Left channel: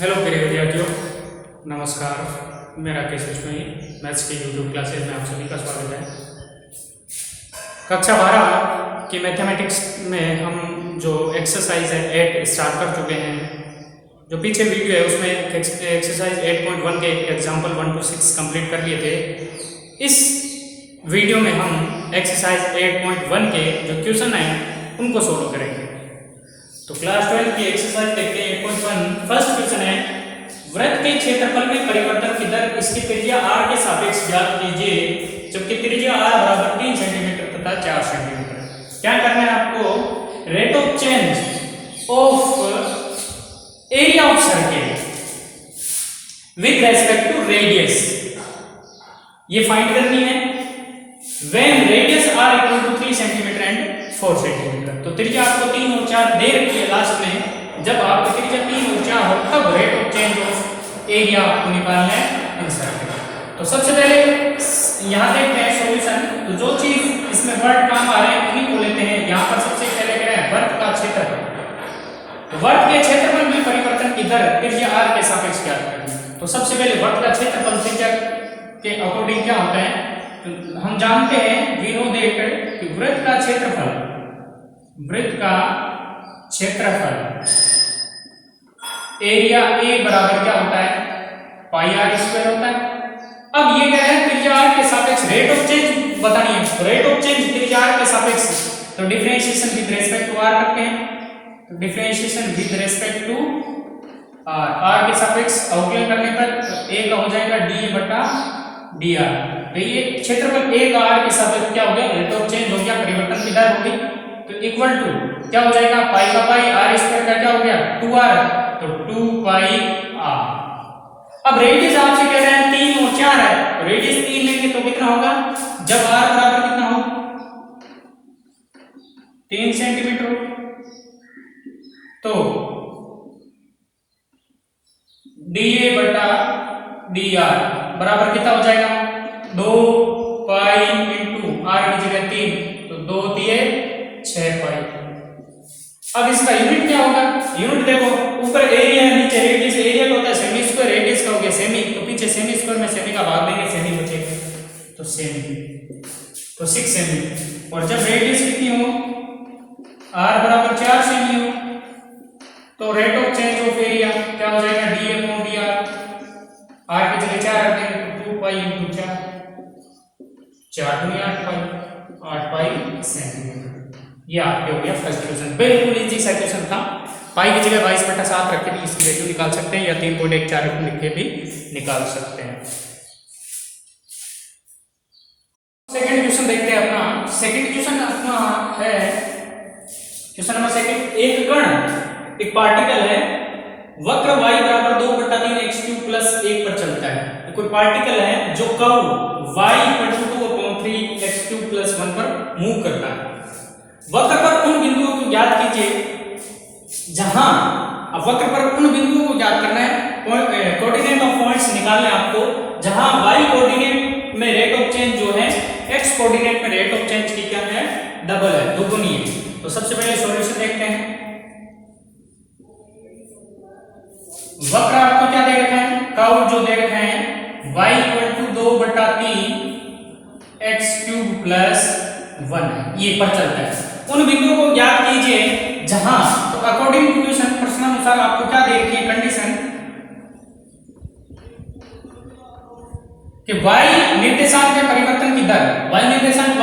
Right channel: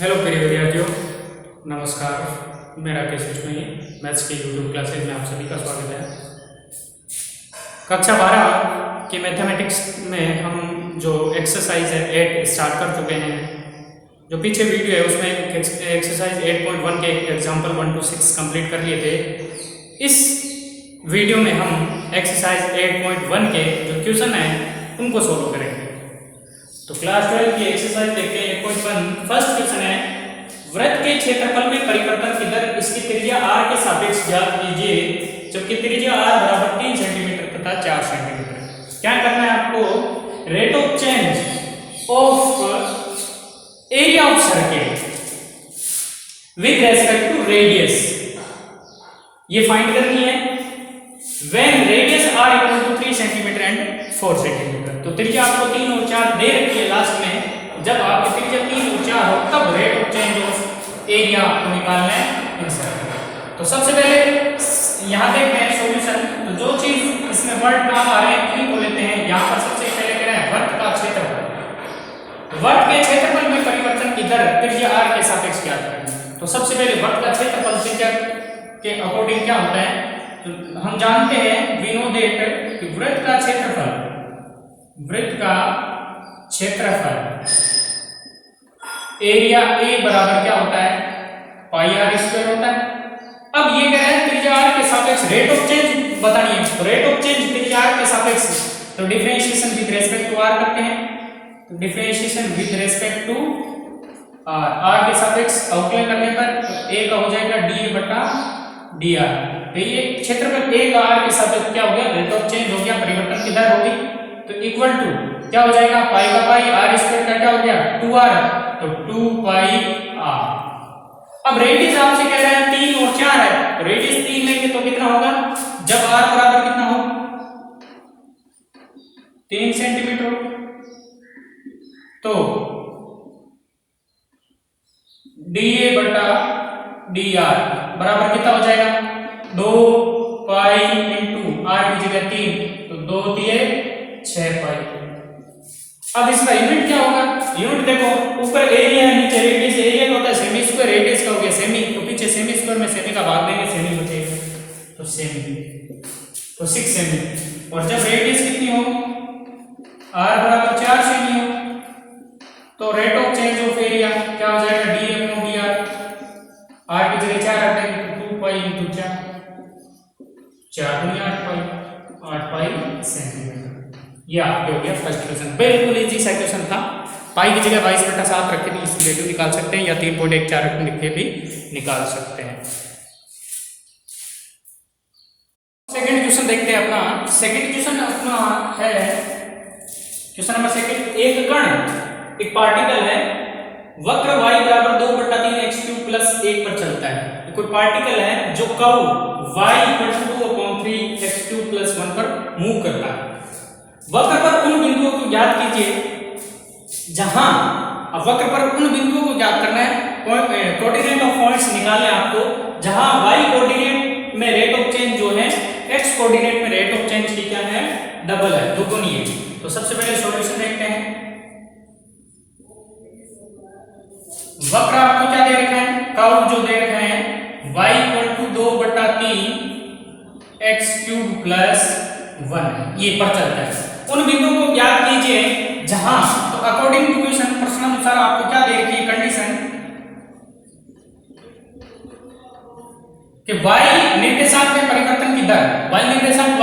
Hello प्रिय विद्यार्थियों, नमस्कार। मैं राकेश बिश्नोई, मैथ्स के यूट्यूब क्लासेज में आप सभी का स्वागत है। कक्षा 12 की मैथमेटिक्स में हम जो एक्सरसाइज है 8 स्टार्ट कर चुके हैं। जो पीछे वीडियो है उसमें एक्सरसाइज 8.1 के एग्जाम्पल 1 to 6 कंप्लीट कर लिए थे। इस वीडियो में हम एक्सरसाइज 8.1 के जो क्वेश्चन हैं उनको सोल्व करेंगे। तो क्लास 12 की एक्सरसाइज देखते हैं 8.1। फर्स्ट क्वेश्चन है, वृत्त के क्षेत्रफल में परिवर्तन की दर इसकी त्रिज्या r के सापेक्ष ज्ञात कीजिए, जबकि त्रिज्या r बराबर 3 सेंटीमीटर तथा 4 सेंटीमीटर। क्या करना है आपको? Rate of change of area of circle with respect to radius ये फाइंड करनी है। When radius r equal to 3 centimetre and 4 centimetre. तो त्रिज्या आपको 3 और 4 दे रखी है लास्ट में। जब आपकी त्रिज्या 3 और 4 हो तब rate of change of area आपको निकालना है इन सर्किल। तो सबसे पहले यहाँ देखते हैं सॉल्यूशन। तो जो चीज इसमें वर्ड काम आ रहे हैं उन्हीं को लेते हैं। यहाँ पर सबसे पहले कह रहे हैं वर्त का क्षेत्रफल। तो वर्त के क्षेत्रफल में परिवर्तन की दर त्रिज्या r के सापेक्ष क्या है? तो सबसे पहले वर्त का क्षेत्रफल त्रिज्या के अकॉर्डिंग क्या होता है? तो हम जानते हैं वी नो दैट कि वृत्त का क्षेत्रफल एरिया ए बराबर क्या होता है? पाई आर स्क्वायर होता है। अब ये कह रहे हैं त्रिज्या r के सापेक्ष रेट ऑफ चेंज बतानी है। रेट ऑफ चेंज त्रिज्या r के सापेक्ष, तो differentiation with respect to r करते हैं। तो differentiation with respect to r के सापेक्ष अवकलन करने पर a का हो जाएगा d बटा dr। तो ये क्षेत्रफल a का r के सापेक्ष क्या हो गया? रेट ऑफ चेंज हो गया, परिवर्तन की दर होगी। तो इक्वल टू क्या हो जाएगा? पाई का पाई r स्क्वायर का क्या हो गया? 2r। तो 2 पाई r। अब रेडियस आपसे कह रहे हैं 3 और 4 है। तो रेडियस 3 लेंगे तो कितना होगा? जब r बराबर कितना हो? 3 सेंटीमीटर हो तो dA बटा dr बराबर कितना हो जाएगा? 2 पाई इंटू r की जगह 3, तो 2 दिए 6 पाई। अब इसका यूनिट क्या होगा? यूनिट देखो, ऊपर एरिया है, नीचे रेडियस। एरिया का होता है सेमी स्क्वायर, रेडियस का हो गया सेमी। तो पीछे सेमी स्क्वायर में सेमी का भाग देंगे, सेमी बचेगा तो सेमी, तो 6 सेमी। और जब रेडियस कितनी हो? r बराबर 4 सेमी हो तो rate of change of area क्या हो जाएगा? d upon dr। r की जगह 4 रख देंगे तो 2 पाई इंटू 4, 4 दूनी 8 पाई सेंटीमीटर। ये आपके हो गया फर्स्ट क्वेश्चन। बिल्कुल इजी सा क्वेश्चन था। पाई की जगह 22/7 रख के भी इसकी वैल्यू निकाल सकते हैं, या 3.14 लिख के भी निकाल सकते हैं। सेकंड क्वेश्चन देखते हैं अपना। सेकंड क्वेश्चन अपना है क्वेश्चन नंबर सेकंड। एक कण, एक पार्टिकल है, वक्र y बराबर 2/3 x³ + 1 पर चलता है। कोई पार्टिकल है जो कर्व y = 2/3 x³ + 1 पर मूव करता है। वक्र पर उन बिंदुओं को ज्ञात कीजिए जहां, अब वक्र पर उन बिंदुओं को ज्ञात करना है, कोऑर्डिनेट ऑफ पॉइंट्स निकालने आपको जहां y कोऑर्डिनेट में रेट ऑफ चेंज जो है x कोऑर्डिनेट में रेट ऑफ चेंज की क्या है? डबल है, दुगुनी है। तो सबसे पहले सॉल्यूशन देखते हैं। वक्र आपको क्या दे रखा है? कर्व जो दे रखा है y = 2/3 x³ + 1 है, ये पर चलता है। उन बिंदुओं को ज्ञात कीजिए जहां, तो अकॉर्डिंग टू क्वेश्चन प्रश्न अनुसार आपको क्या दे रखी है कंडीशन कि y निर्देशांक में परिवर्तन की दर, y निर्देशांक y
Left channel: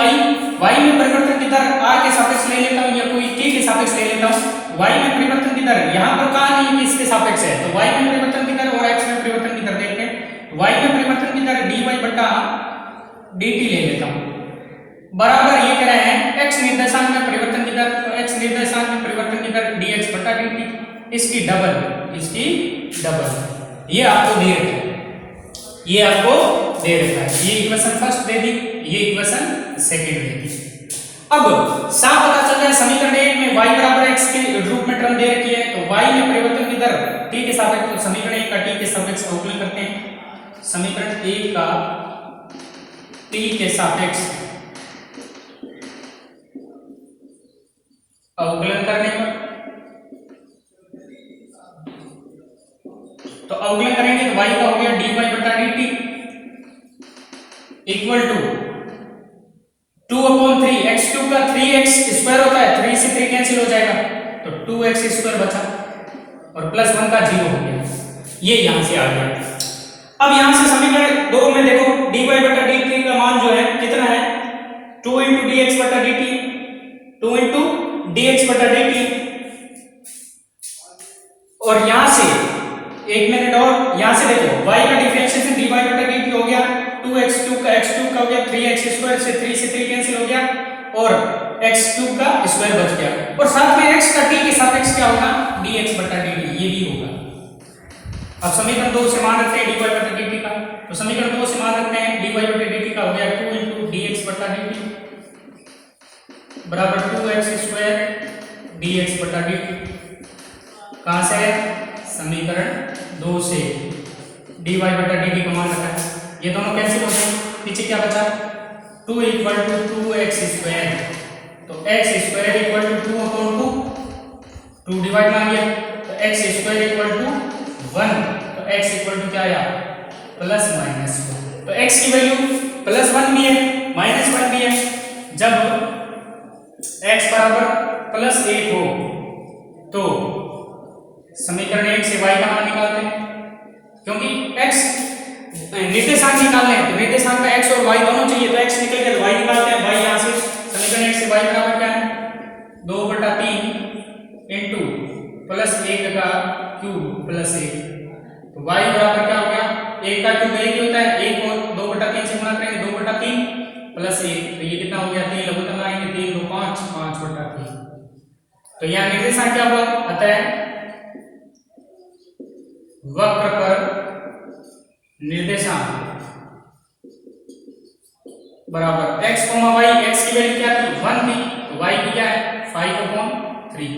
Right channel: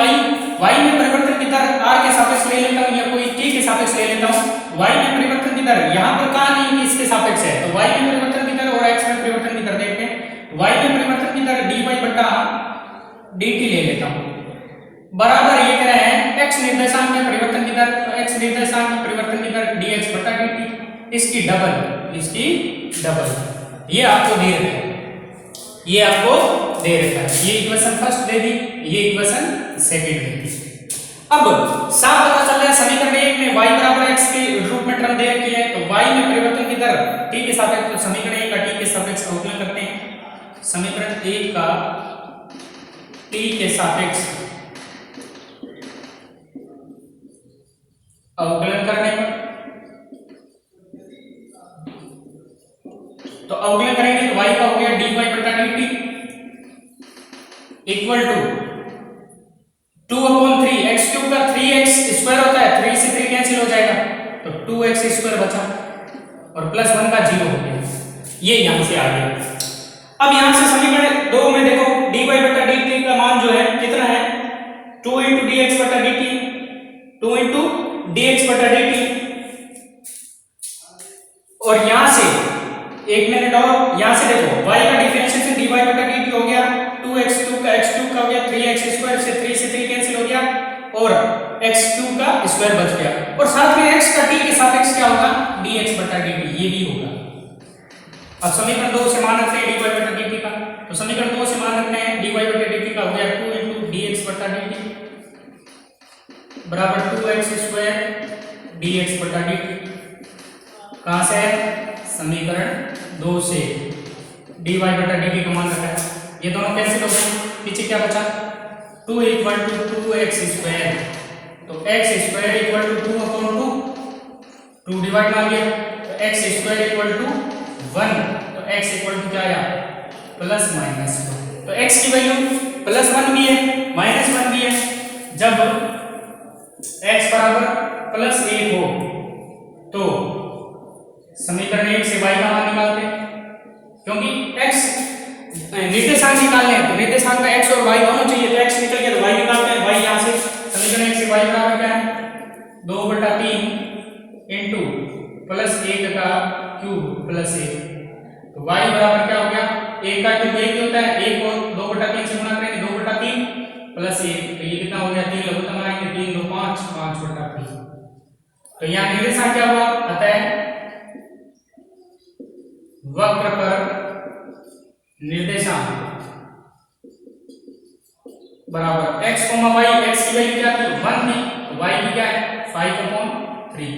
में परिवर्तन की दर r के सापेक्ष ले लेता हूं या कोई k के सापेक्ष ले लेता हूं। y में परिवर्तन की दर यहां पर कहां नहीं है, इसके सापेक्ष है। तो y में परिवर्तन की दर और x में परिवर्तन की दर देखते हैं। y में परिवर्तन की दर dy बटा dt ले लेता हूं, बराबर ये कह रहे हैं x निर्देशांक में परिवर्तन की दर, तो x निर्देशांक में परिवर्तन की दर dx बटा dt, इसकी डबल। ये आपको दे रखा है, ये आपको दे रखा है। ये इक्वेशन फर्स्ट दे दी, ये इक्वेशन सेकंड दे दी। अब साफ पता चल रहा है समीकरण 1 में y बराबर x के रूप में टर्म दे रखी है। तो y में परिवर्तन की दर t के सापेक्ष, तो समीकरण 1 का t के सापेक्ष अवकलन करते हैं। समीकरण 1 का t के सापेक्ष अवकलन करने पर इक्वल टू 2/3 x क्यूब का 3x स्क्वायर होता है, 3 से 3 कैंसिल हो जाएगा तो 2x स्क्वायर बचा और प्लस 1 का 0 हो गया। ये यहां से आ गया। अब यहां से समीकरण 2 में देखो dy बटा dt का मान जो है कितना है 2 dx बटा dt, 2 dx बटा dt। और यहां से एक मिनट और यहां से देखो y का डिफरेंशिएशन dy बटा dt हो गया 2x क्यूब का x क्यूब का हो गया 3x स्क्वायर से 3 से 3 कैंसिल हो गया और x क्यूब का स्क्वायर बच गया और साथ में x का t के सापेक्ष क्या होगा dx बटा dt, ये भी होगा। अब समीकरण 2 से मान रखते हैं dy बटा dt का, तो समीकरण 2 से मान रखते हैं dy बटा dt का हो गया 2 dx बटा dt बराबर 2x स्क्वायर dx बटा dt। कहां से है समीकरण 2 से dy बटा dt का मान रखा है, ये दोनों कैंसिल हो गए, पीछे क्या बचा 2 इक्वल टू 2x स्क्वायर, तो x square equal to 2/2, 2 divide में आ गया तो x स्क्वायर इक्वल टू 1, तो x इक्वल टू क्या आया प्लस माइनस 1, तो x की वैल्यू प्लस 1 भी है माइनस 1 भी है। जब x बराबर प्लस 1 हो तो समीकरण 1 से y का मान निकालते हैं, क्योंकि x निर्देशांक निकालने हैं तो निर्देशांक का x और y दोनों चाहिए, तो x निकल गया तो y निकालते हैं। y यहां से समीकरण 1 से y बराबर क्या है 2/3 इनटू प्लस 1 का क्यूब प्लस 1, तो y बराबर क्या हो गया 1 का क्यूब 1 ही होता है, 1 को 2/3 से गुणा करेंगे 2/3 प्लस 1, तो ये कितना हो गया 3 लघुत्तम बनाएंगे 3 2 5 5/3, तो यहाँ निर्देशांक क्या हुआ अतः वक्र पर निर्देशांक बराबर x, y, x की वैल्यू क्या थी 1 थी तो y की क्या है 5/3,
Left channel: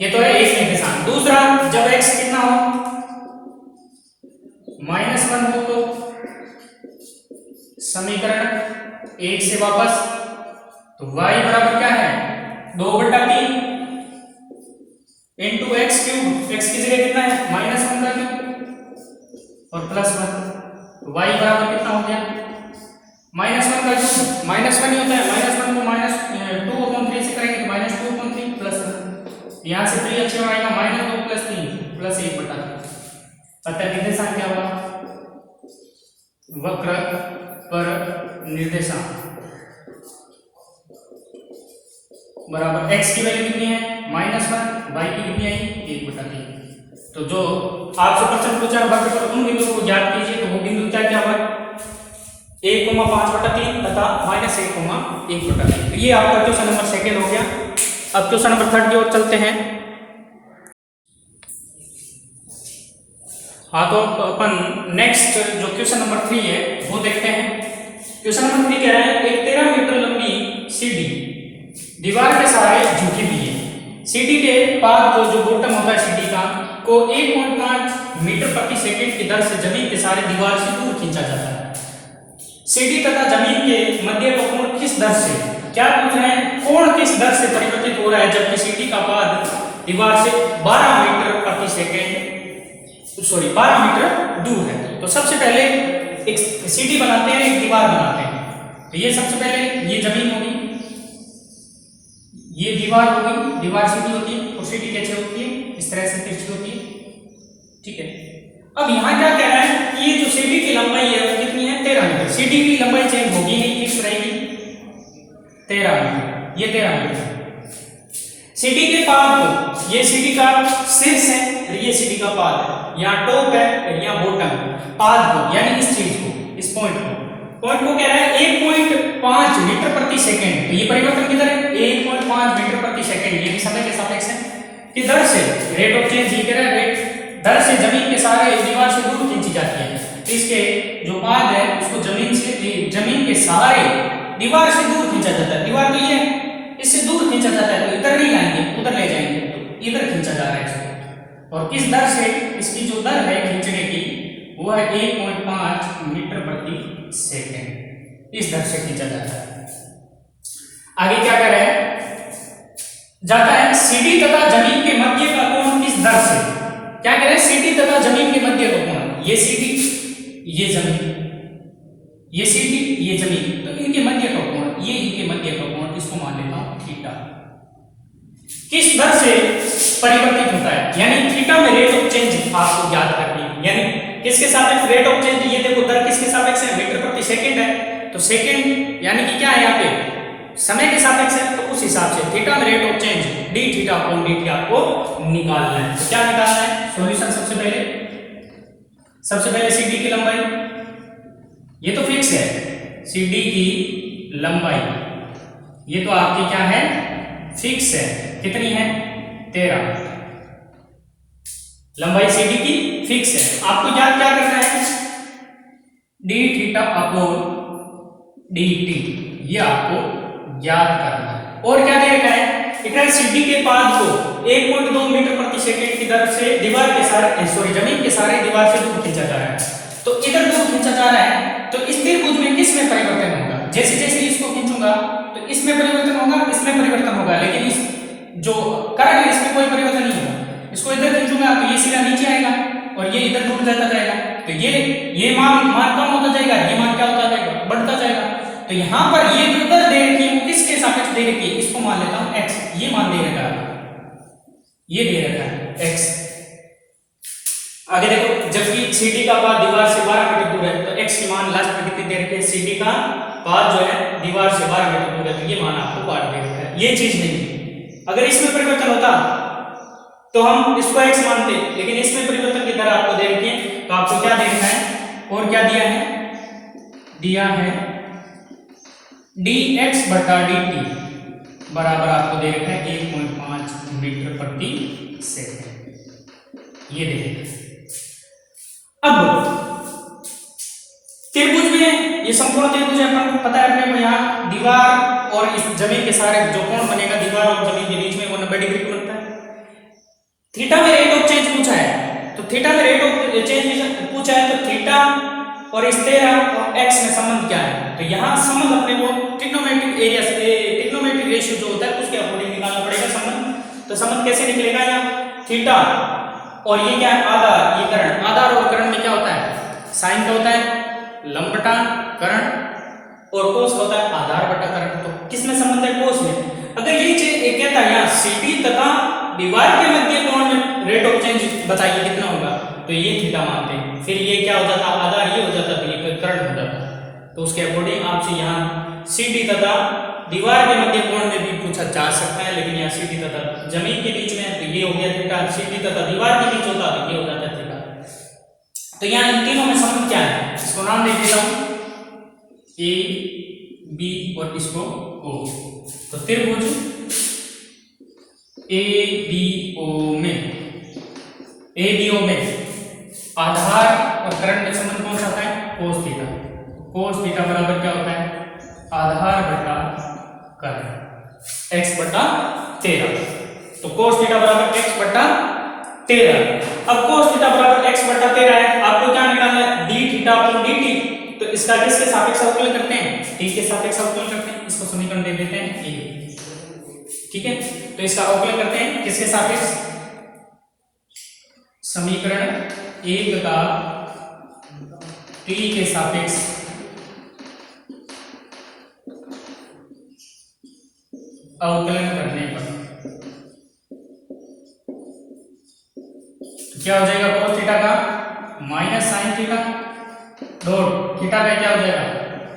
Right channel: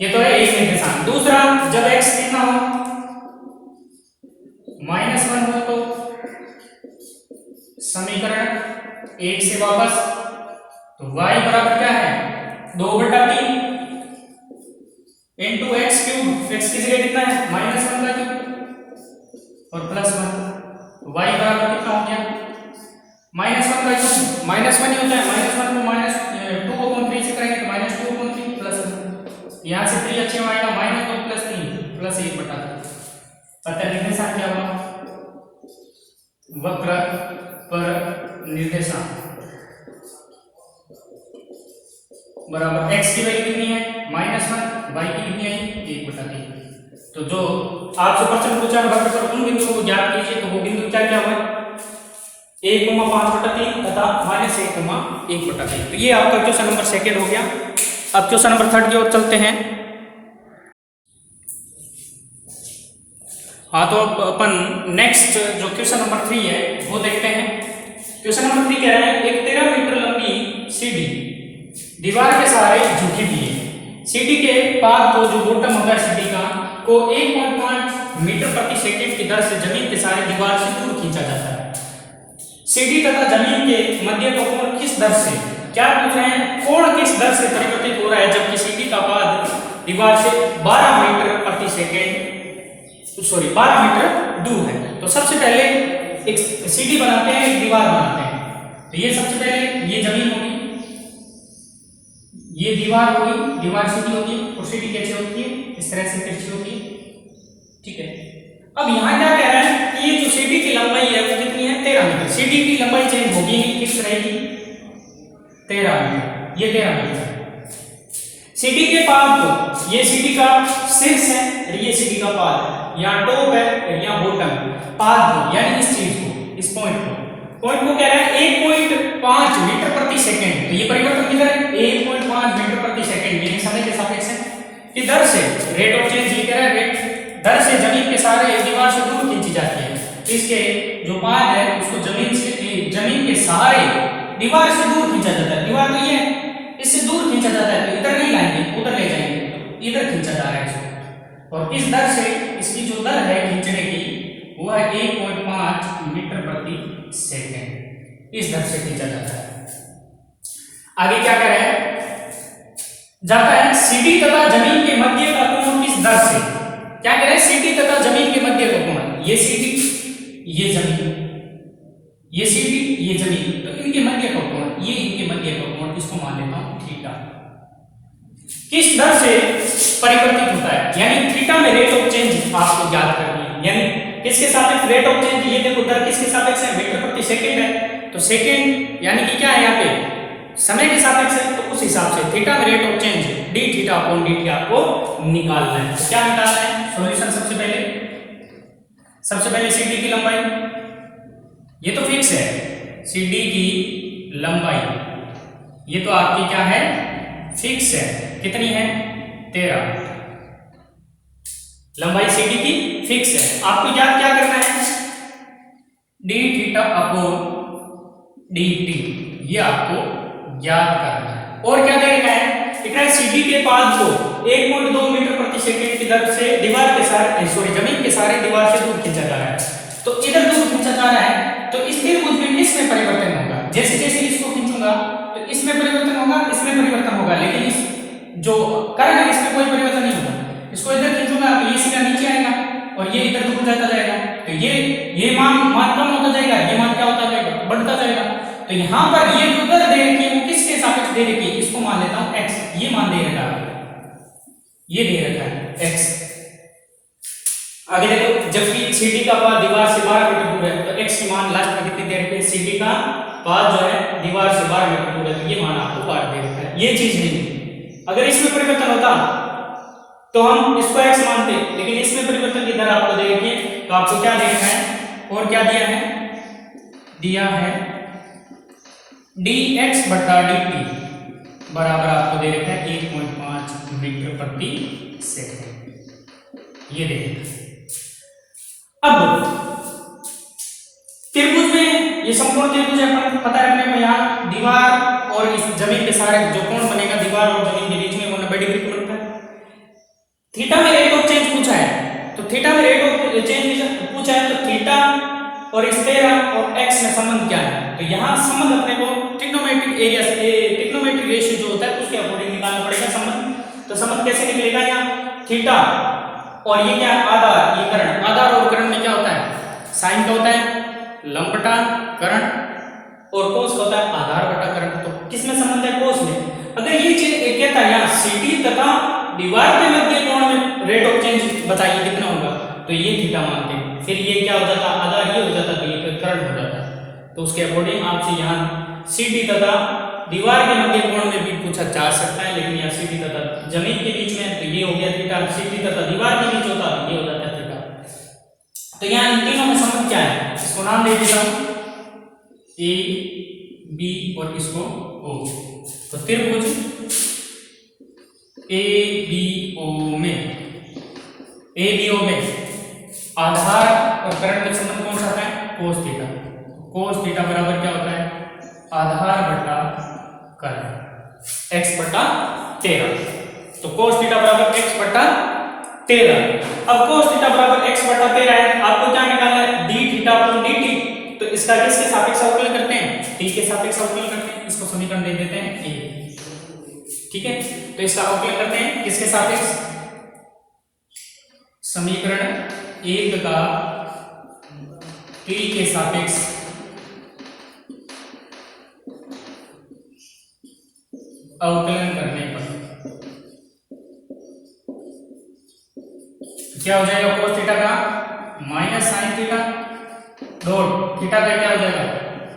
ये तो है एक निर्देशांक। दूसरा जब x कितना हो -1 हो तो समीकरण 1 से वापस तो y बराबर क्या है 2/3 इनटू x क्यूब, x की जगह कितना है -1 का क्यूब और प्लस 1, तो y बराबर कितना हो गया -1 का क्यूब -1 ही होता है, -1 को -2/3 से करेंगे तो -2/3 प्लस 1, यहाँ से 3 अच्छे आएगा -2 प्लस 3 प्लस 1/3, अतः निर्देशांक क्या होगा वक्र पर निर्देशांक बराबर x की वैल्यू कितनी है -1, y की कितनी आई 1/3। तो जो आपसे प्रश्न पूछा वक्र पर उन बिंदुओं को ज्ञात कीजिए, तो वो बिंदु क्या क्या हुआ 1,5/3 तथा -1,1/3, तो ये आपका क्वेश्चन नंबर 2 हो गया। अब क्वेश्चन नंबर 3 की ओर चलते हैं। हाँ, तो अपन नेक्स्ट जो क्वेश्चन नंबर 3 है वो देखते हैं। क्वेश्चन नंबर 3 कह रहा है एक 13 मीटर लंबी सीढ़ी दीवार के सहारे झुकी हुई है, सीढ़ी के पाद को जो बॉटम होता है सीढ़ी का को 1.5 मीटर प्रति सेकंड की दर से जमीन के सहारे दीवार से दूर खींचा जाता है। सीढ़ी तथा जमीन के मध्य का कोण किस दर से, क्या पूछ रहे हैं कोण किस दर से परिवर्तित हो रहा है जबकि सीढ़ी का पाद दीवार से 12 मीटर प्रति सेकंड 12 मीटर दूर है। तो सबसे पहले एक सीढ़ी बनाते हैं, एक दीवार बनाते हैं। तो ये सबसे पहले ये जमीन होगी, ये दीवार होगी, दीवार सीधी होती है और सीढ़ी कैसे होती है इस तरह से तिरछी होती है, ठीक है। अब यहाँ क्या कह रहा है कि ये जो सीढ़ी की लंबाई है वो कितनी है 13 मीटर, सीढ़ी की लंबाई चेंज होगी नहीं, किस रहेगी 13 मीटर, ये 13 मीटर। सीढ़ी के पाद को, ये सीढ़ी का शीर्ष है और ये सीढ़ी का पाद है, यहाँ टॉप है और यहाँ बॉटम, पाद को यानी इस चीज को, इस पॉइंट को कह रहा है 1.5 मीटर प्रति सेकंड, तो ये परिवर्तन किधर है 1.5 मीटर प्रति सेकंड, ये समय के सापेक्ष है कि दर से रेट ऑफ चेंज लिख रहा है, रेट दर से जमीन के सहारे दीवार से दूर खींची जाती है। इसके जो पाद है उसको जमीन के सहारे दीवार से दूर खींचा जाता है, दीवार तो ये है इससे दूर खींचा जाता है, तो इधर नहीं लाएंगे उधर ले जाएंगे, तो इधर खींचा जा रहा है इसको, और किस दर से, इसकी जो दर है खींचने की वो है 1.5 मीटर प्रति सेकंड, इस दर से खींचा जाता है। आगे क्या कर रहा है, जाता है सीढ़ी तथा जमीन के मध्य का कोण किस दर से, क्या कह रहे हैं सीढ़ी तथा जमीन के मध्य का कोण, ये सीढ़ी ये जमीन, ये सी डी, ये जमीन, तो इनके मध्य का कोण, ये इनके मध्य का कोण, इसको मान लेता हूं थीटा। किस दर से परिवर्तित होता है, यानी थीटा में रेट ऑफ चेंज आपको याद करनी है, यानी किसके सापेक्ष रेट ऑफ चेंज, ये देखो दर किसके सापेक्ष है, मीटर प्रति सेकंड है, तो सेकंड यानी कि क्या है यहाँ पे समय के सापेक्ष है, तो उस हिसाब से थीटा में rate of change D theta upon D T आपको निकालना है। तो क्या निकालना है, सॉल्यूशन सबसे पहले सीडी की लंबाई, ये तो फिक्स है, सीडी की लंबाई ये तो आपकी क्या है, फिक्स है, कितनी है 13, लंबाई सीडी की फिक्स है। आपको याद क्या करना है, D theta upon D T, ये आपको याद करना है। और क्या दे रखा है, इधर सीडी के पास जो 1.2 मीटर प्रति सेकंड की दर से दीवार के सारे जमीन के सारे दीवार से दूर खींचा जा रहा है, तो इधर दूर खींचा जा रहा है, तो इस त्रिभुज में किस में परिवर्तन होगा, जैसे जैसे इसको खींचूंगा तो इसमें परिवर्तन होगा, इसमें परिवर्तन होगा, लेकिन इस जो कर्ण है इसमें कोई परिवर्तन नहीं होगा। इसको इधर खींचूंगा तो ये सीधा नीचे आएगा और ये इधर दूर जाता जाएगा, तो ये मान कम होता जाएगा, ये मान क्या होता जाएगा, बढ़ता जाएगा। तो यहाँ पर ये जो दर दे रखी है वो किसके सापेक्ष दे रखी है, इसको मान लेता हूं x, ये मान दे रखा है, ये दे रखा है x। आगे देखो, जबकि CD का पाद दीवार से 12 मीटर दूर है, तो x की मान लास्ट में कितनी दे रखी है, CD का पाद जो है दीवार से 12 मीटर दूर है, तो ये मान आपको पाद दे रखा है, ये चीज नहीं। अगर इसमें परिवर्तन होता तो हम इसको x मानते, लेकिन इसमें परिवर्तन की दर आपको दे रखी है, तो आपको क्या देखना है, और क्या दिया है dx बटा dt बराबर आपको दे रखा है 1.5 मीटर प्रति सेकंड, ये देखिए। अब त्रिभुज में, ये संपूर्ण त्रिभुज है, अपन पता है अपने को, यहाँ दीवार और इस जमीन के सारे जो कोण बनेगा दीवार और जमीन के बीच में, वो 90 डिग्री का बनता है। थीटा में रेट ऑफ चेंज पूछा है, तो थीटा में रेट ऑफ चेंज पूछा है, तो थीटा और इस 13 और x में संबंध क्या है, तो यहाँ संबंध अपने को ट्रिग्नोमेट्रिक एरिया से ट्रिग्नोमेट्रिक रेशियो जो होता है उसके अकॉर्डिंग निकालना पड़ेगा संबंध। तो संबंध कैसे निकलेगा, यहाँ थीटा और ये क्या है आधार, ये कर्ण, आधार और कर्ण में क्या होता है, साइन का होता है लंब बटा कर्ण, और कोस का होता है आधार बटा कर्ण। तो किसमें संबंध है, कोस में। अगर ये चीज कहता है यहाँ सीडी तथा दीवार के मध्य कोण में रेट ऑफ चेंज बताइए कितना होगा, तो ये थीटा मानते हैं, फिर ये क्या हो जाता, आधार ये हो जाता, तो ये फिर कर्ण हो जाता। तो उसके अकॉर्डिंग आपसे यहाँ सीडी तथा दीवार के मध्य कोण में भी पूछा जा सकता है, लेकिन यहाँ सीडी तथा जमीन के बीच में, तो ये हो गया थीटा, सीडी तथा दीवार के बीच होता तो ये हो जाता थीटा। तो यहाँ इन तीनों में संबंध क्या है, इसको नाम दे देता हूं ए बी और इसको ओ। तो त्रिभुज ए बी ओ में आधार और कर्ण में संबंध कौन सा आता है, कोस थीटा। कोस थीटा बराबर क्या होता है, आधार बटा कर्ण, x बटा 13। तो कोस थीटा बराबर x बटा 13। अब कोस थीटा बराबर x बटा 13 है, आपको क्या निकालना है, d थीटा अपॉन dt। तो इसका किसके सापेक्ष अवकलन करते हैं, t के सापेक्ष अवकलन करते हैं, इसको समीकरण दे देते हैं a, ठीक है। तो इसका अवकलन करते हैं किसके सापेक्ष, समीकरण 1 का t के सापेक्ष अवकलन करने पर तो क्या हो जाएगा, कोस थीटा का minus sine theta dot theta का क्या हो जाएगा,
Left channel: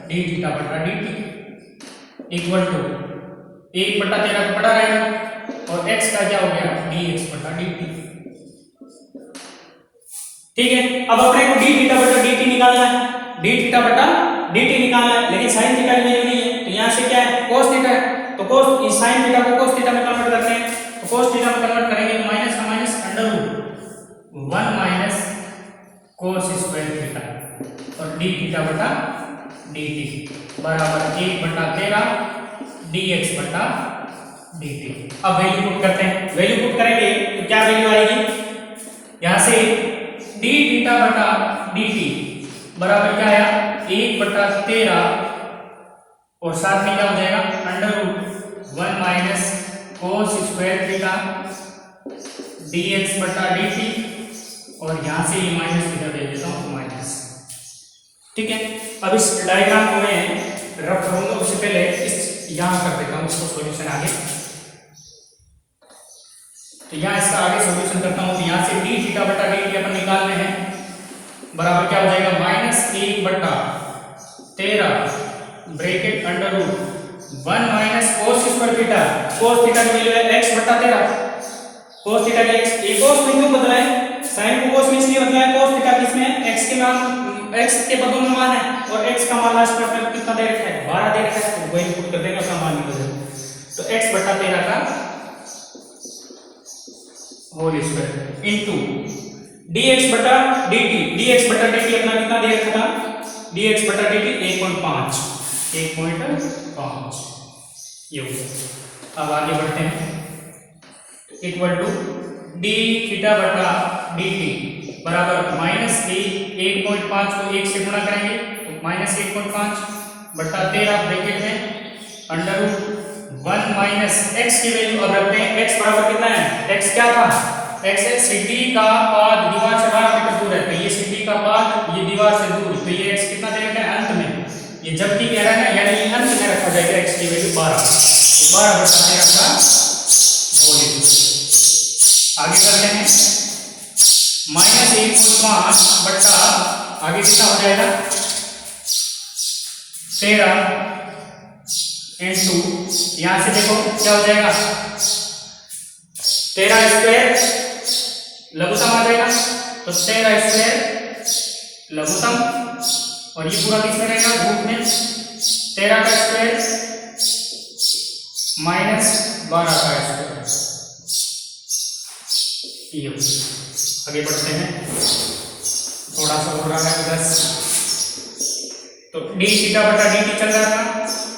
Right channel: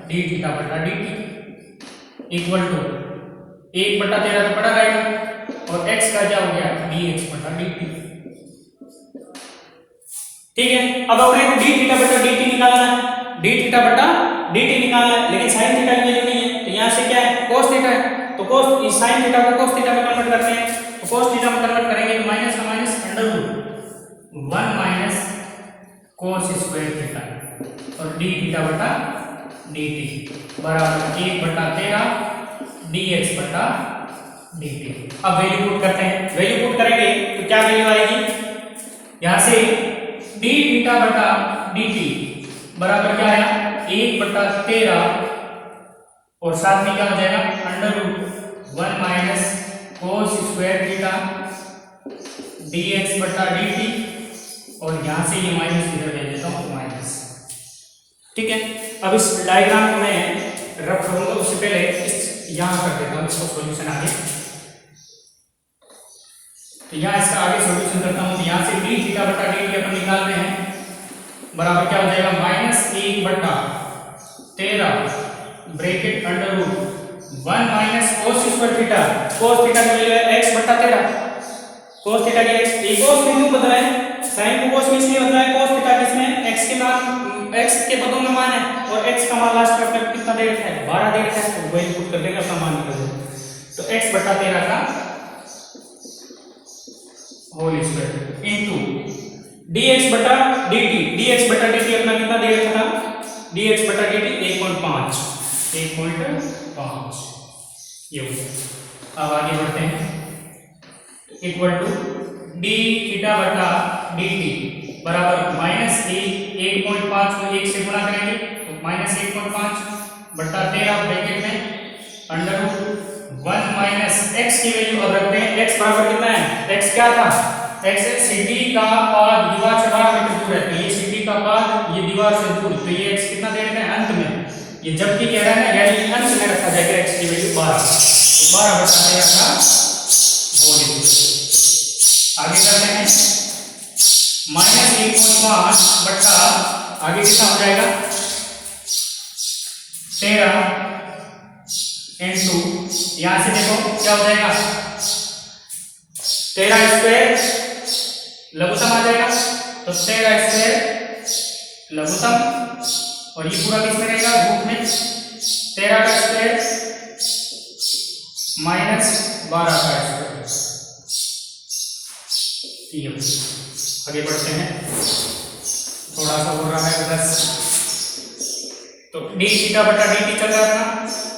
डी थीटा बटा डी टी इक्वल टू 1 बटा 13 तो पड़ा रहेगा, और x का क्या हो गया, dx बटा dt। ठीक है, अब अपने को d थीटा बटा dt निकालना है, d थीटा बटा dt निकालना है, लेकिन sin थीटा की वैल्यू नहीं है, तो यहाँ से क्या है, cos थीटा है, तो cos इस sin थीटा को cos थीटा में कन्वर्ट करते हैं, तो cos थीटा में कन्वर्ट करेंगे तो माइनस का minus under root 1 minus cos square theta और d थीटा बटा dt बराबर 1 बटा 13 dx बटा dt। अब वैल्यू पुट करते हैं, वैल्यू पुट करेंगे तो क्या वैल्यू आएगी, यहाँ से d थीटा बटा dt बराबर क्या आया, 1 बटा 13 और साथ में क्या हो जाएगा, under root 1 minus cos square theta dx बटा dt, और यहाँ से ये माइनस इधर दे देता हूँ माइनस, ठीक है, अब इस डायग्राम को मैं रफ करूंगा, उससे पहले इस यहाँ कर देता हूँ इसको सॉल्यूशन आगे। तो यहाँ इसका आगे सॉल्यूशन करता हूँ। तो यहाँ से डी थीटा बटा डी टी अपन निकाल रहे हैं, बराबर क्या हो जाएगा -1/13 bracket under root 1 minus cos square theta. Cos theta की वैल्यू है x बटा 13। कोस थीटा के x एक कोस में क्यों बदला है, साइन को कोस में इसलिए बदला है, कोस थीटा किसमें x के मान x के पदों में मान है और x का मान लास्ट में कितना दे रखा है 12 दे रखा है, तो वही पुट कर देगा उसका मान निकल जाएगा। तो x बटा 13 का होल स्क्वायर इनटू dx बटा dt। dx बटा dt अपना कितना दे रखा था, dx बटा dt 1.5 ये हो गया। अब आगे बढ़ते हैं, इक्वल टू डी थीटा बटा डी टी बराबर -1.5 को 1 से गुणा करेंगे तो -1.5 बटा 13 ब्रैकेट में अंडर रूट 1 माइनस एक्स की वैल्यू अब रखते हैं, x बराबर कितना है, x क्या था, x है सिटी का पाद दीवार से 12 मीटर दूर है, तो ये सिटी का पाद ये दीवार से दूर, तो ये x कितना दे रखा है अंत में, ये जबकि कह रहा है ना यानी अंत में रखा जाएगा x की वैल्यू 12, तो 12 बटा 13 का होल स्क्वायर। आगे करते हैं -1.5 बटा आगे कितना हो जाएगा 13 इंटू यहां से देखो क्या हो जाएगा 13 स्क्वायर लघुत्तम आ जाएगा, तो 13 स्क्वायर लघुत्तम और ये पूरा किस में रहेगा रूट में 13 का स्क्वायर माइनस 12 का स्क्वायर। आगे बढ़ते हैं, थोड़ा सा हो रहा है 10, तो डी थीटा बटा डी टी चल रहा था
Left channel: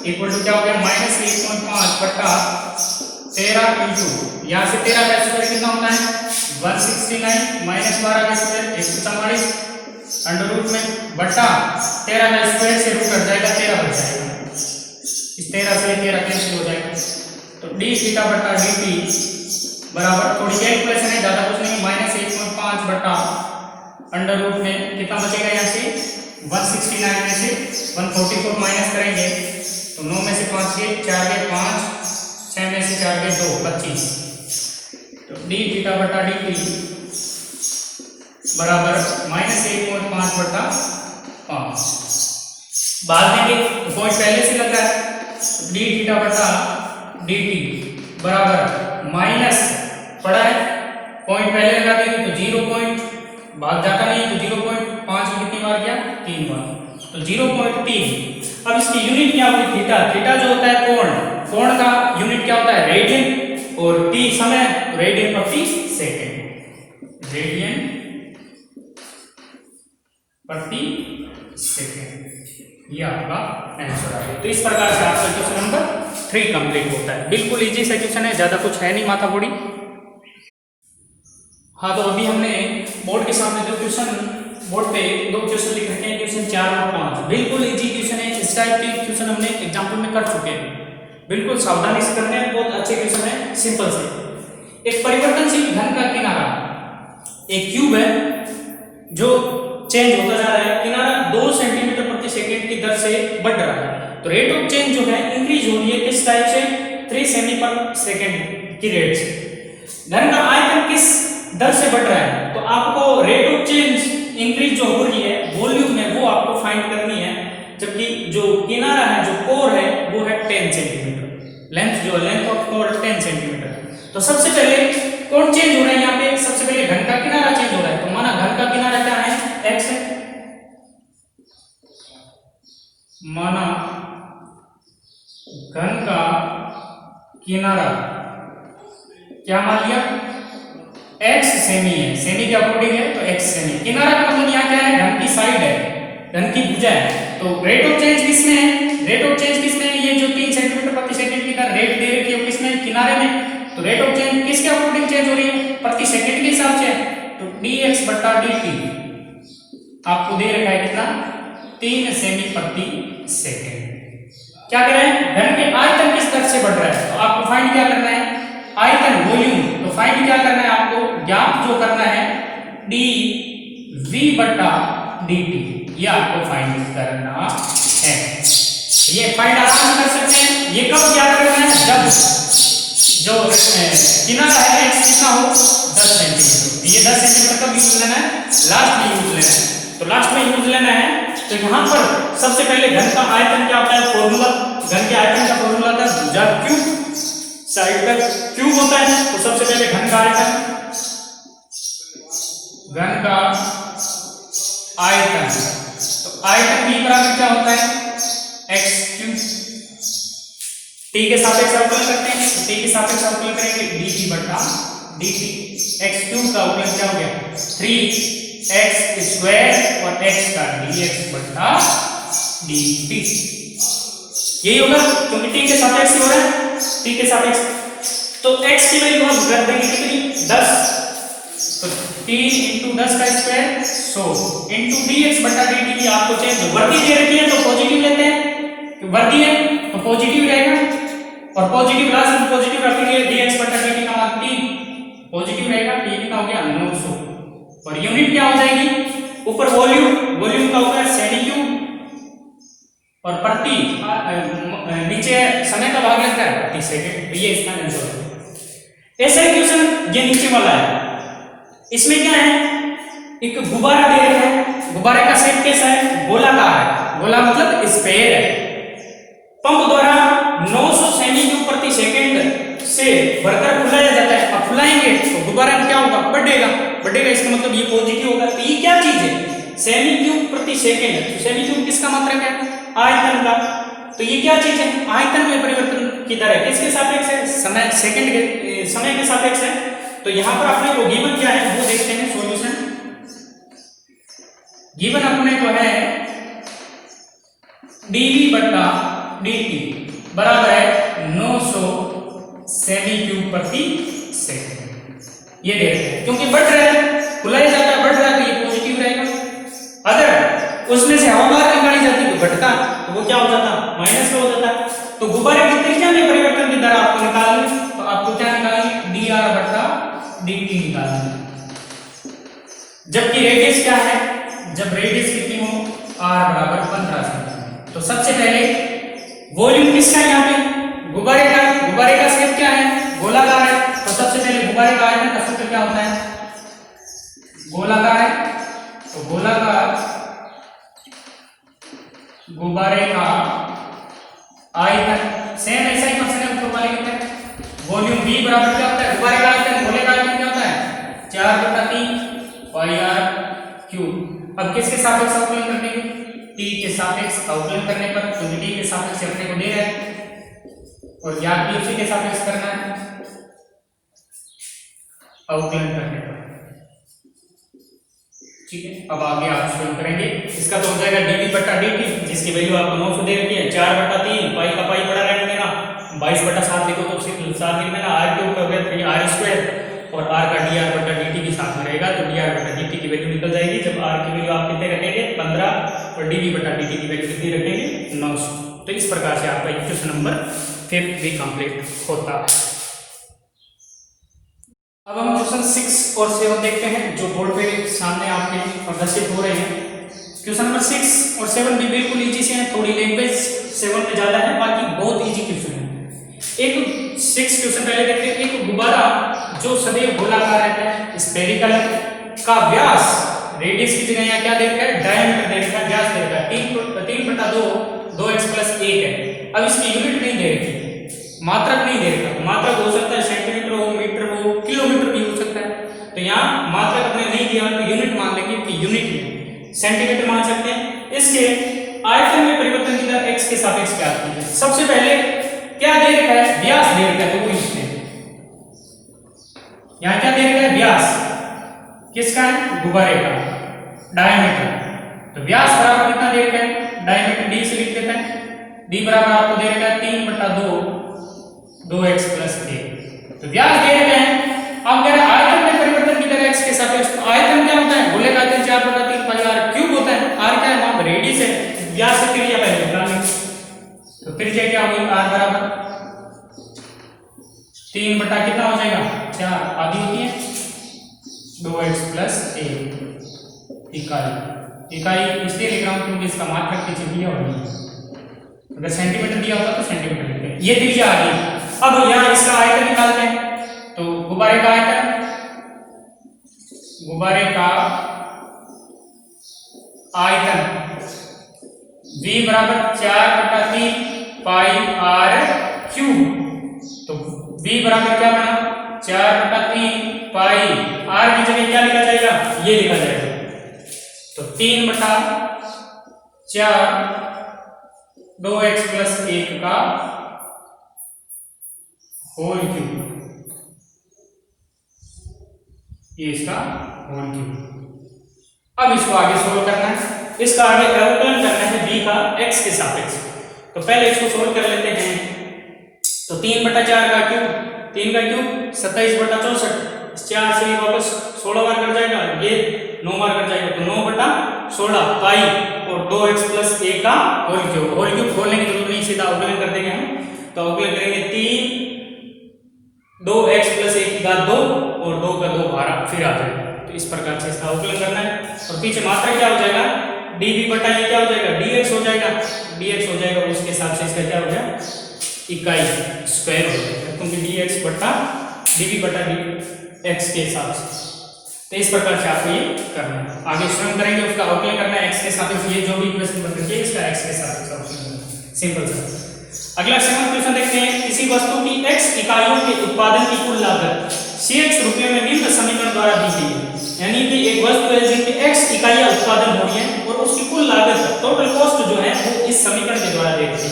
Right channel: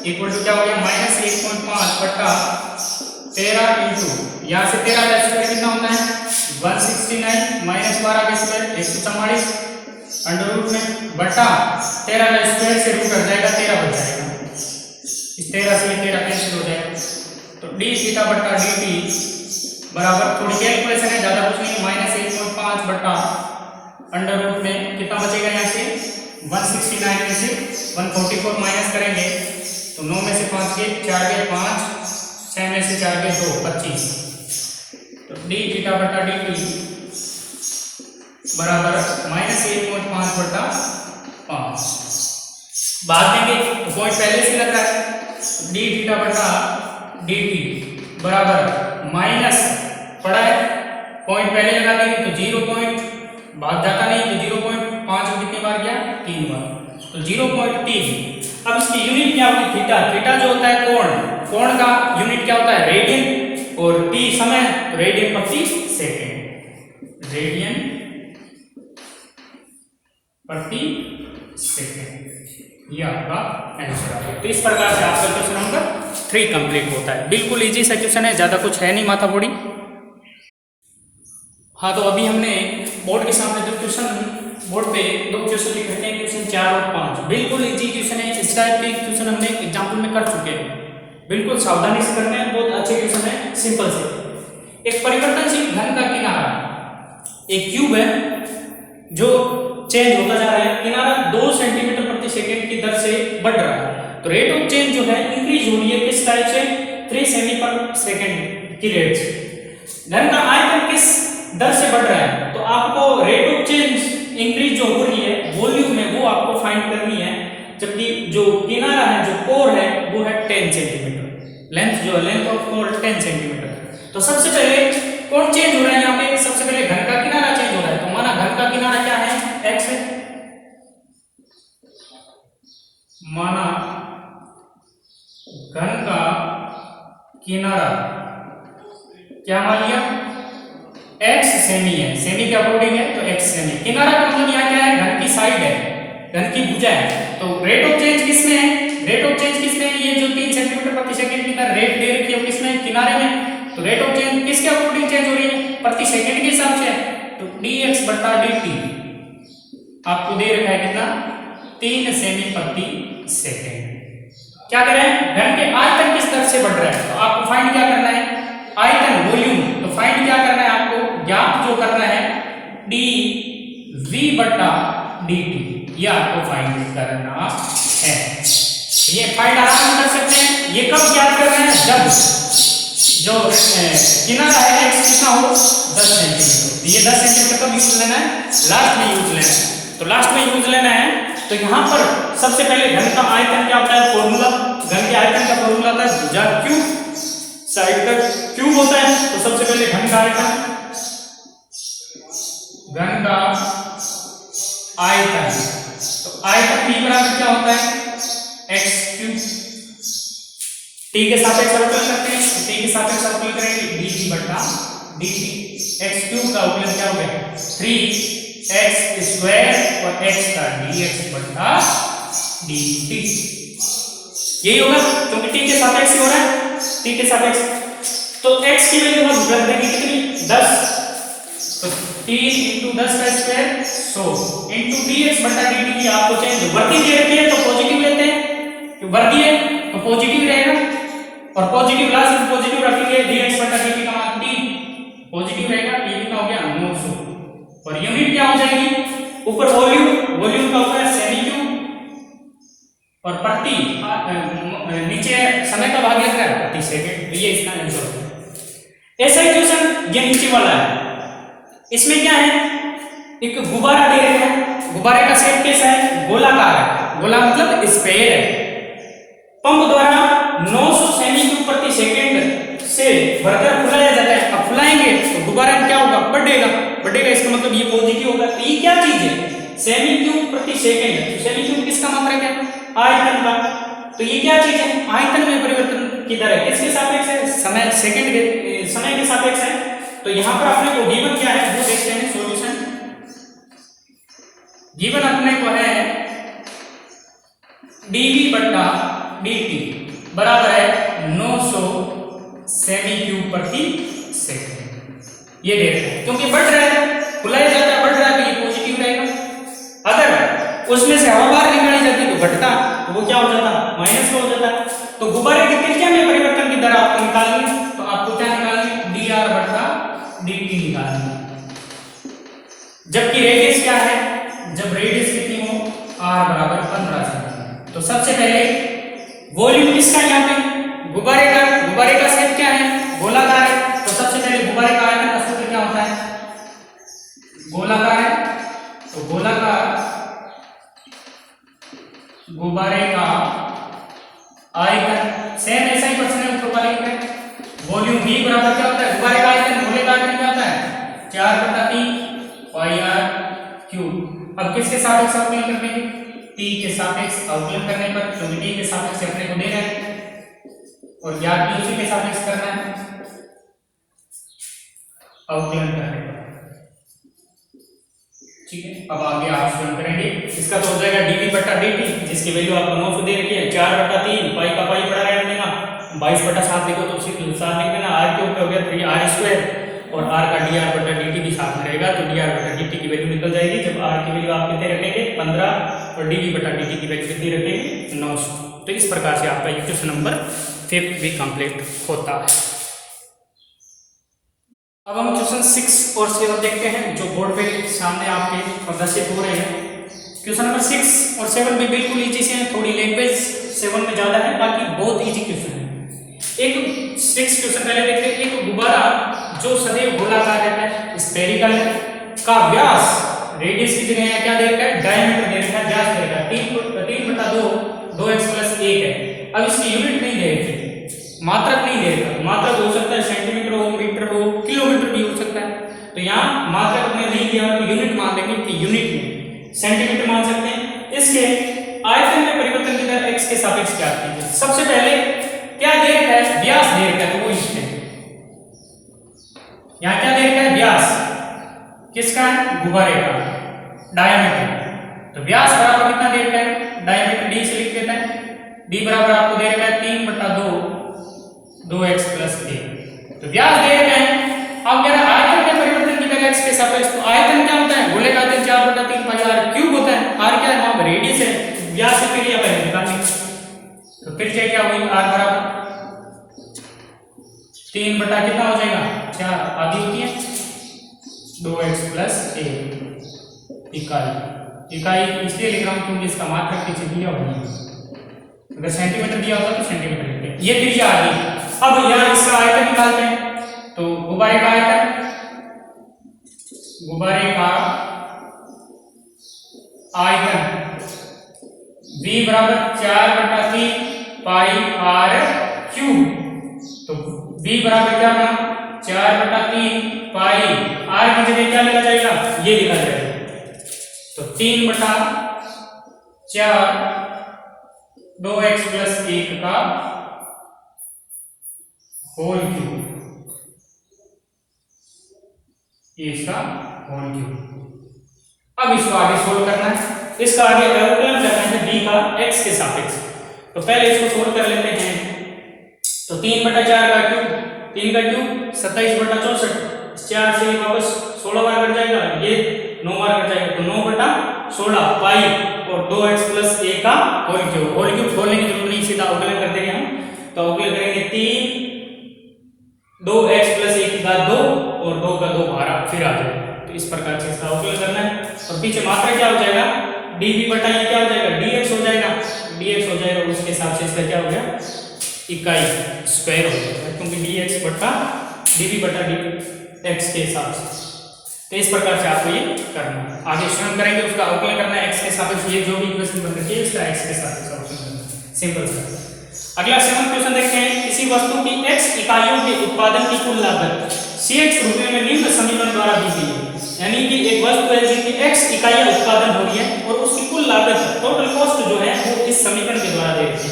इक्वल टू क्या हो गया -1.5 बटा 13 इंटू यहाँ से 13 का स्क्वायर कितना होता है 169 माइनस 12 का स्क्वायर 144 अंडर रूट में बटा 13 का स्क्वायर से रूट कट जाएगा 13 बच जाएगा, इस 13 से 13 कैंसिल हो जाएगा, तो डी थीटा बटा डी टी बराबर थोड़ी कैलकुलेशन है ज्यादा कुछ नहीं -1.5 बटा अंडर रूट में कितना बचेगा यहाँ से 169 में से 144 माइनस करेंगे तो 9 में से 5 गए 4 गए 5 6 में से 4 गए 2 25, तो डी थीटा बटा डी टी बराबर -1.5 बटा 5। बाद में पॉइंट पहले से लग रहा है, डी थीटा बटा डी टी बराबर माइनस पड़ा है पॉइंट पहले लगा दिए तो 0 पॉइंट भाग जाता नहीं, तो 0.5 को कितनी बार गया 3 बार, तो 0.3। अब इसकी यूनिट क्या होगी थीटा, थीटा जो होता है कोण, कोण का यूनिट क्या होता है रेडियन और टी समय, तो रेडियन प्रति सेकंड, रेडियन प्रति सेकंड, ये आपका आंसर आ गया। तो इस प्रकार से आपका क्वेश्चन नंबर 3 कंप्लीट होता है। बिल्कुल इजी सा क्वेश्चन है, ज्यादा कुछ है नहीं माथा फोड़ी। हाँ, तो अभी हमने बोर्ड के सामने जो क्वेश्चन बोर्ड पे 2 क्वेश्चन लिख रखे हैं, क्वेश्चन 4 और 5, बिल्कुल इजी क्वेश्चन है। इस टाइप के क्वेश्चन हमने एग्जाम्पल में कर चुके हैं, बिल्कुल सावधानी से करने हैं, बहुत अच्छे क्वेश्चन है, सिंपल से। एक परिवर्तनशील घन का किनारा, एक क्यूब है जो चेंज होता जा रहा है, किनारा 2 सेंटीमीटर प्रति सेकंड की दर से बढ़ रहा है, तो रेट ऑफ चेंज जो है इंक्रीज हो रही है किस टाइप से 3 सेमी पर सेकंड की रेट से। घन का आयतन किस दर से बढ़ रहा है, तो आपको रेट ऑफ चेंज इंक्रीज जो हो रही है वॉल्यूम में वो आपको फाइंड करनी है, जबकि जो किनारा है जो कोर है वो है 10 सेंटीमीटर, लेंथ जो लेंथ ऑफ कोर 10 सेंटीमीटर। तो सबसे पहले कौन चेंज हो रहा है यहाँ पे, सबसे पहले घन का किनारा चेंज हो रहा है, तो माना घन का किनारा क्या है x है, माना घन का किनारा क्या मान लिया x सेमी है, सेमी के अकॉर्डिंग है तो x सेमी। किनारा का मतलब यहाँ क्या है घन की साइड है, घन की भुजा है, तो रेट ऑफ चेंज किसमें है, रेट ऑफ चेंज किसमें है, ये जो 3 सेंटीमीटर प्रति सेकंड की रेट दे रखी है किसमें किनारे में, तो रेट ऑफ चेंज किसके अकॉर्डिंग चेंज हो रही है प्रति सेकंड के हिसाब से, तो dx बटा dt आपको दे रखा है कितना 3 सेमी प्रति सेकंड। क्या करें, घन के आयतन किस दर से बढ़ रहा है, तो आपको फाइंड क्या करना है आयतन वॉल्यूम, तो फाइंड क्या करना है आपको ज्ञात जो करना है dv बटा dt, ये आपको फाइंड करना है। ये फाइंड आराम कर सकते हैं। ये कब याद करना है, जब जो कितना का है x कितना हो 10 सेंटीमीटर। ये 10 सेंटीमीटर कब यूज लेना है, लास्ट में यूज लेना है। तो लास्ट में यूज लेना है तो यहाँ पर सबसे पहले घन का आयतन क्या होता है, फॉर्मूला, घन के आयतन का फॉर्मूला होता है भुजा क्यूब, साइड का क्यूब होता है। तो सबसे पहले घन का आयतन, घन का आयतन, तो आयतन b बराबर क्या होता है x क्यूब। t के सापेक्ष अवकलन करते हैं, तो t के सापेक्ष अवकलन करेंगे dt बटा dt। x क्यूब का अवकलन क्या हो गया 3x स्क्वायर और x का dx बटा dt। यही होगा क्योंकि t के सापेक्ष ही हो रहा है, t के सापेक्ष। तो x की वैल्यू हम रख देंगे कितनी 10, तो 3 × 10 का स्क्वायर 100 × dx बटा dt की आपको चेंज वर्दी दे रखी है तो पॉजिटिव लेते हैं, तो वर्दी है तो पॉजिटिव रहेगा, और पॉजिटिव लास्ट में पॉजिटिव रखेंगे dx बटा dt का मान 3 पॉजिटिव रहेगा। ये कितना हो गया 900, और यूनिट क्या हो जाएगी ऊपर वॉल्यूम, वॉल्यूम का ऊपर सेमी क्यूब और प्रति नीचे समय का भाग रहता है प्रति सेकंड। तो ये इसका आंसर है। ऐसा क्वेश्चन ये नीचे वाला है, इसमें क्या है एक गुब्बारा दे रखा है, गुब्बारे का शेप कैसा है गोलाकार है, गोला मतलब स्फेयर है। पंप द्वारा 900 सेमी क्यूब प्रति सेकंड से भरकर फुलाया जाता है। अब फुलाएंगे तो गुब्बारा क्या होगा बढ़ेगा, बढ़ेगा, इसका मतलब ये पॉजिटिव होगा। तो ये क्या चीज है सेमी क्यूब प्रति सेकंड, तो सेमी क्यूब किसका मात्रक है आयतन का। तो ये क्या चीज है आयतन में परिवर्तन की दर है, किसके सापेक्ष है समय, सेकंड के समय के सापेक्ष है। तो यहां पर अपने को गिवन क्या है वो देखते हैं सॉल्यूशन। गिवन अपने को है dv बटा dt बराबर है 900 सेमी क्यूब प्रति सेकंड। ये दे रहे हैं क्योंकि बढ़ रहा है, फुलाया जाता है बढ़ रहा है तो ये पॉजिटिव रहेगा। अगर उसमें से हवा बाहर निकाली जाती तो घटता, तो वो क्या हो जाता माइनस में हो जाता। तो गुब्बारे की त्रिज्या में परिवर्तन की दर आपको निकालनी, तो आपको क्या निकालनी dr बटा dt निकालनी। जबकि रेडियस क्या है, जब रेडियस कितनी हो r बराबर 15 सेंटीमीटर। तो सबसे पहले वॉल्यूम किसका है यहाँ पे गुब्बारे का, गुब्बारे का शेप क्या है गोलाकार है। तो सबसे पहले गुब्बारे का आयतन का सूत्र क्या होता है गोलाकार है, तो गोलाकार गुब्बारे का आयतन सेम ऐसा ही क्वेश्चन है ऊपर वाले के। वॉल्यूम v बराबर क्या होता है गुब्बारे का आयतन, गोले का आयतन क्या होता है 4/3 पाई r क्यूब। अब किसके सापेक्ष अवकलन करते हैं t के सापेक्ष अवकलन करने पर, क्योंकि t के सापेक्ष अपने को दे रहा है और ज्ञात भी उसी के सापेक्ष करना है अवकलन करने पर। ठीक है, अब आगे आप स्वयं करेंगे। इसका तो हो जाएगा dv बटा dt जिसकी वैल्यू आपको 900 दे रखी है, 4/3 पाई का पाई बड़ा रहने देना, 22/7 देखो तो उसी 7 लिख देना, r क्यूब हो गया 3r स्क्वायर और r का dr बटा dt भी साथ में रहेगा। तो dr बटा dt की वैल्यू निकल जाएगी जब r की वैल्यू आप कितने रखेंगे 15 और dv बटा dt की वैल्यू कितनी रखेंगे 900। तो इस प्रकार से आपका क्वेश्चन नंबर 5 भी कंप्लीट होता है। अब हम क्वेश्चन 6 और 7 देखते हैं जो बोर्ड पे सामने आपके प्रदर्शित हो रहे हैं। क्वेश्चन नंबर 6 और 7 भी बिल्कुल इजी से हैं, थोड़ी लैंग्वेज 7 में ज्यादा है, बाकी बहुत इजी क्वेश्चन है। एक 6 क्वेश्चन पहले देखते हैं। एक गुब्बारा जो सदैव गोलाकार रहता है स्फेरिकल का व्यास रेडियस की जगह यहाँ क्या दे रखा है डायमीटर दे रखा है, व्यास दे रखा है 3/2 2x + 1 है। अब इसकी यूनिट नहीं दे रखी, मात्रक नहीं दे रखा, मात्रक हो सकता है सेंटीमीटर हो, मीटर हो, किलोमीटर भी हो सकता है। तो यहाँ मात्रक अपने नहीं दिया तो यूनिट मान लेंगे कि यूनिट में सेंटीमीटर मान सकते हैं। इसके आयतन में परिवर्तन की दर x के सापेक्ष क्या आती है। सबसे पहले क्या दे रखा है व्यास दे रखा है, वो लिखते हैं। यहाँ क्या दे रखा है व्यास किसका है गुब्बारे का डायमीटर। तो व्यास बराबर कितना दे रखा है डायमीटर d से लिख देते हैं, d बराबर आपको दे रखा है 3/2 2x + 1। तो व्यास दे रखे हैं। अब कह रहे हैं आयतन में परिवर्तन की दर x के सापेक्ष। तो आयतन क्या होता है गोले का आयतन 4/3 पाई r क्यूब होता है। r क्या है वहां पर रेडियस है, व्यास से त्रिज्या पहले निकालनी। तो त्रिज्या क्या हुई r बराबर 3 बटा कितना हो जाएगा 4 आधी होती है 2x + 1 इकाई। इकाई इसलिए लिख रहा हूँ क्योंकि इसका मात्रक पीछे दिया हुआ है, अगर सेंटीमीटर दिया होता तो सेंटीमीटर लिखते हैं। ये त्रिज्या आ गई। अब यहाँ इसका आयतन निकालते हैं। तो गुब्बारे का आयतन, गुब्बारे का आयतन V बराबर 4/3 पाई r क्यूब। तो V बराबर क्या बना, 4/3 पाई, r की जगह क्या लिखा जाएगा, ये लिखा जाएगा। तो 3/4 2x + 1 का होल क्यूब, ये इसका होल क्यूब। अब इसको आगे सोल्व करना है, इसका आगे अवकलन करना है b का x के सापेक्ष। तो पहले इसको सोल्व कर लेते हैं। तो 3/4 का क्यूब, 3 का क्यूब 27/64, 4 से वापस 16 बार कट जाएगा, ये 9 बार कट जाएगा, तो 9/16 पाई और 2x + 1 का होल क्यूब। होल क्यूब खोलने की जरूरत नहीं, सीधा अवकलन कर देंगे हम। तो अवकलन करेंगे 3 2x + 1 की घात 2 और 2 का 2 बाहर फिर आ जाएगा। तो इस प्रकार से इसका अवकलन करना है। और पीछे मात्रा क्या हो जाएगा, dv बटा ये क्या हो जाएगा, dx हो जाएगा, dx हो जाएगा। उसके हिसाब से इसका क्या हो गया, इकाई स्क्वायर हो जाएगा, क्योंकि dx बटा dv बटा dx के हिसाब से। तो इस प्रकार से आपको ये करना है। आगे स्वयं करेंगे, उसका अवकलन करना है x के सापेक्ष। ये जो भी इक्वेशन बन रही है इसका x के सापेक्ष अवकलन करना है, सिंपल सा। अगला 7वां क्वेश्चन देखते हैं। किसी वस्तु की x इकाइयों के उत्पादन की कुल लागत Cx रुपये में निम्न समीकरण द्वारा दी गई है। यानी कि एक वस्तु है जिसकी x इकाइयां उत्पादन हो रही है और उसकी कुल लागत टोटल कॉस्ट जो है वो इस समीकरण के द्वारा दी गई है।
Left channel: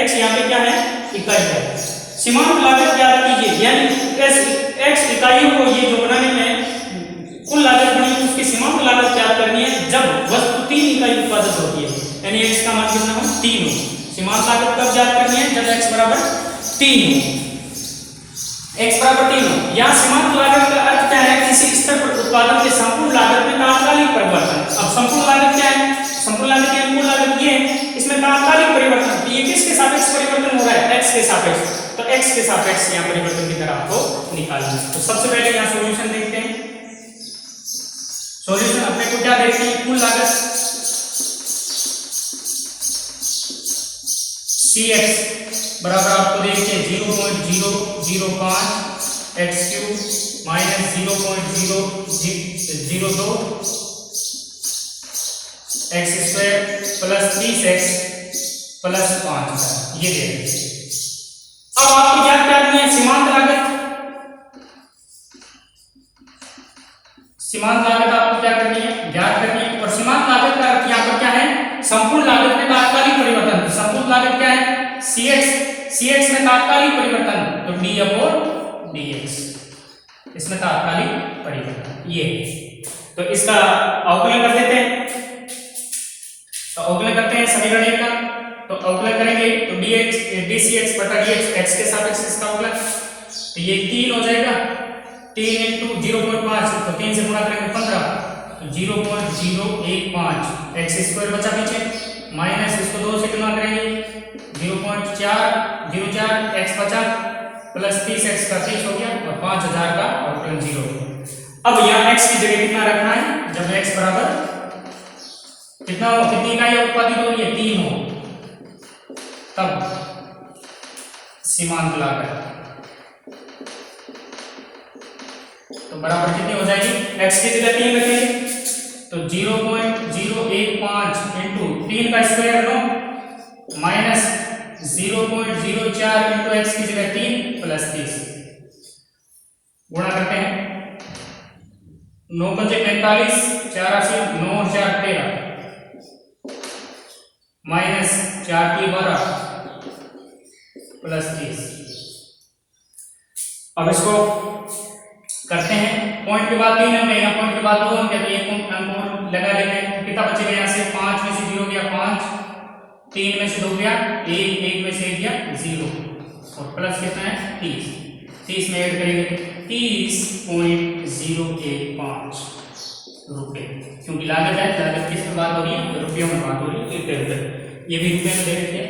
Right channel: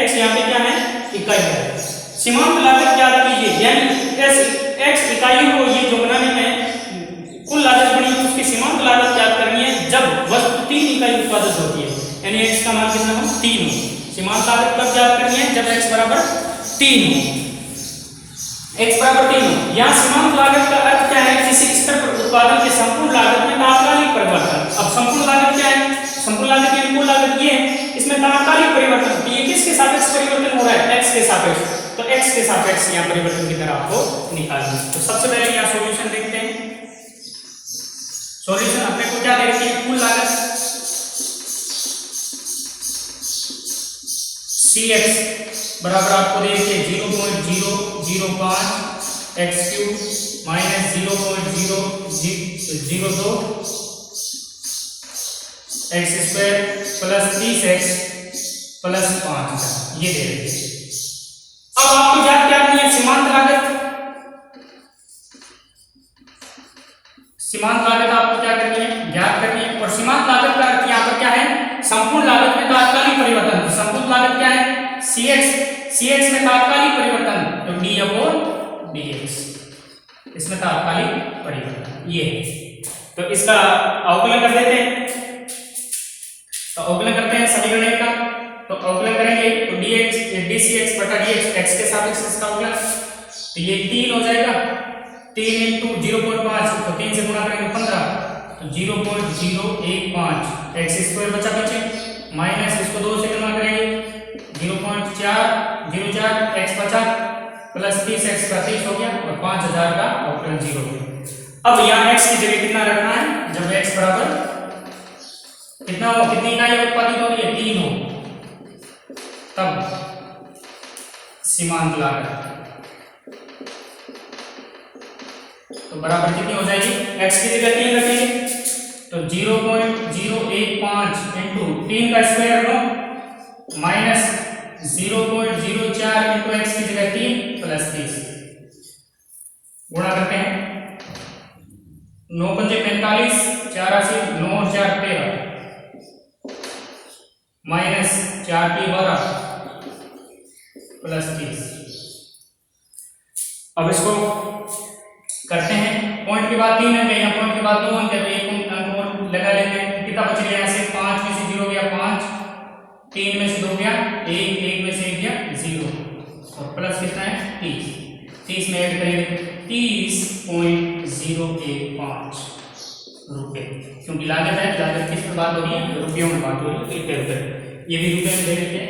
x यहाँ पे क्या है, इकाई है। सीमांत लागत ज्ञात कीजिए, यानी x इकाइयों को ये जो बनाने में कुल लागत बनी है उसकी सीमांत लागत ज्ञात करनी है जब वस्तु 3 इकाई उत्पादित होती है। यानी x का मान कितना हो, 3 हो। सीमांत लागत कब ज्ञात करनी है, जब x बराबर 3 हो, x बराबर 3 हो। यहाँ सीमांत लागत का अर्थ क्या है, किसी स्तर पर उत्पादन के संपूर्ण लागत में तात्कालिक परिवर्तन। अब संपूर्ण लागत क्या है, संपूर्ण लागत की कुल लागत ये है, इसमें तात्कालिक परिवर्तन। तो ये किसके सापेक्ष परिवर्तन हो रहा है, x के सापेक्ष। तो x के सापेक्ष यहाँ परिवर्तन की तरह आपको निकालना है। तो सबसे पहले यहाँ सॉल्यूशन देखते हैं। सॉल्यूशन अपने को क्या देखते हैं, कुल लागत Cx बराबर आपको देखिए 0.005 x³ minus 0.002 x² plus 30x plus 5, ये दे रहे हैं। अब आपको ज्ञात करनी है सीमांत लागत। सीमांत लागत आपको क्या करनी है, ज्ञात करनी है। और सीमांत लागत का अर्थ यहाँ पर क्या है, संपूर्ण लागत में तात्कालिक परिवर्तन। संपूर्ण लागत क्या है, Cx में तात्कालिक परिवर्तन, तो d/dx, इसमें तात्कालिक परिवर्तन ये। तो इसका अवकलन कर देते हैं। तो अवकलन करते हैं समीकरण का। तो अवकलन करेंगे तो dCx बटा dx, x के सापेक्ष इसका अवकलन। तो ये 3 हो जाएगा, 3 × 0.5, तो 3 से गुणा करेंगे 15, तो 0.015 x² बचा पीछे, माइनस इसको 2 से गुणा करेंगे 0.404 x बचा, प्लस 30x का 30 हो गया और 5000 का अवकलन 0 हो गया। अब यहाँ x की जगह कितना रखना है, जब x बराबर कितना हो, कितनी इकाई उत्पादित हो रही है, 3 हो, तब सीमांत लागत तो बराबर कितनी हो जाएगी, x की जगह 3 रखेंगे तो 0.015 इंटू 3 का स्क्वायर 9 माइनस 0.04 इंटू एक्स की जगह 3 प्लस 30 गुणा करते हैं। 9 × 5 = 45, 4 80, 9 और 4 13 माइनस 4 की 12 प्लस 30। अब इसको करते हैं। पॉइंट के बाद 3 अंक है, यहाँ पॉइंट के बाद 2 अंक है, तो एक अंक और लगा लेते हैं। कितना बचेगा यहाँ से, 5 में से 0 गया 5, 3 में से 2 गया 1, 1 में से 1 गया 0 और प्लस कितना है 30। 30 में ऐड करेंगे 30.015 रुपए, क्योंकि लागत है, लागत किस में बात हो रही है, रुपयों में बात हो रही है, ये भी रुपये में ले लेते हैं।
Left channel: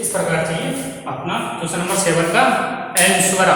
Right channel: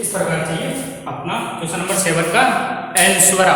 इस प्रकार से अपना क्वेश्चन नंबर 7 का आंसर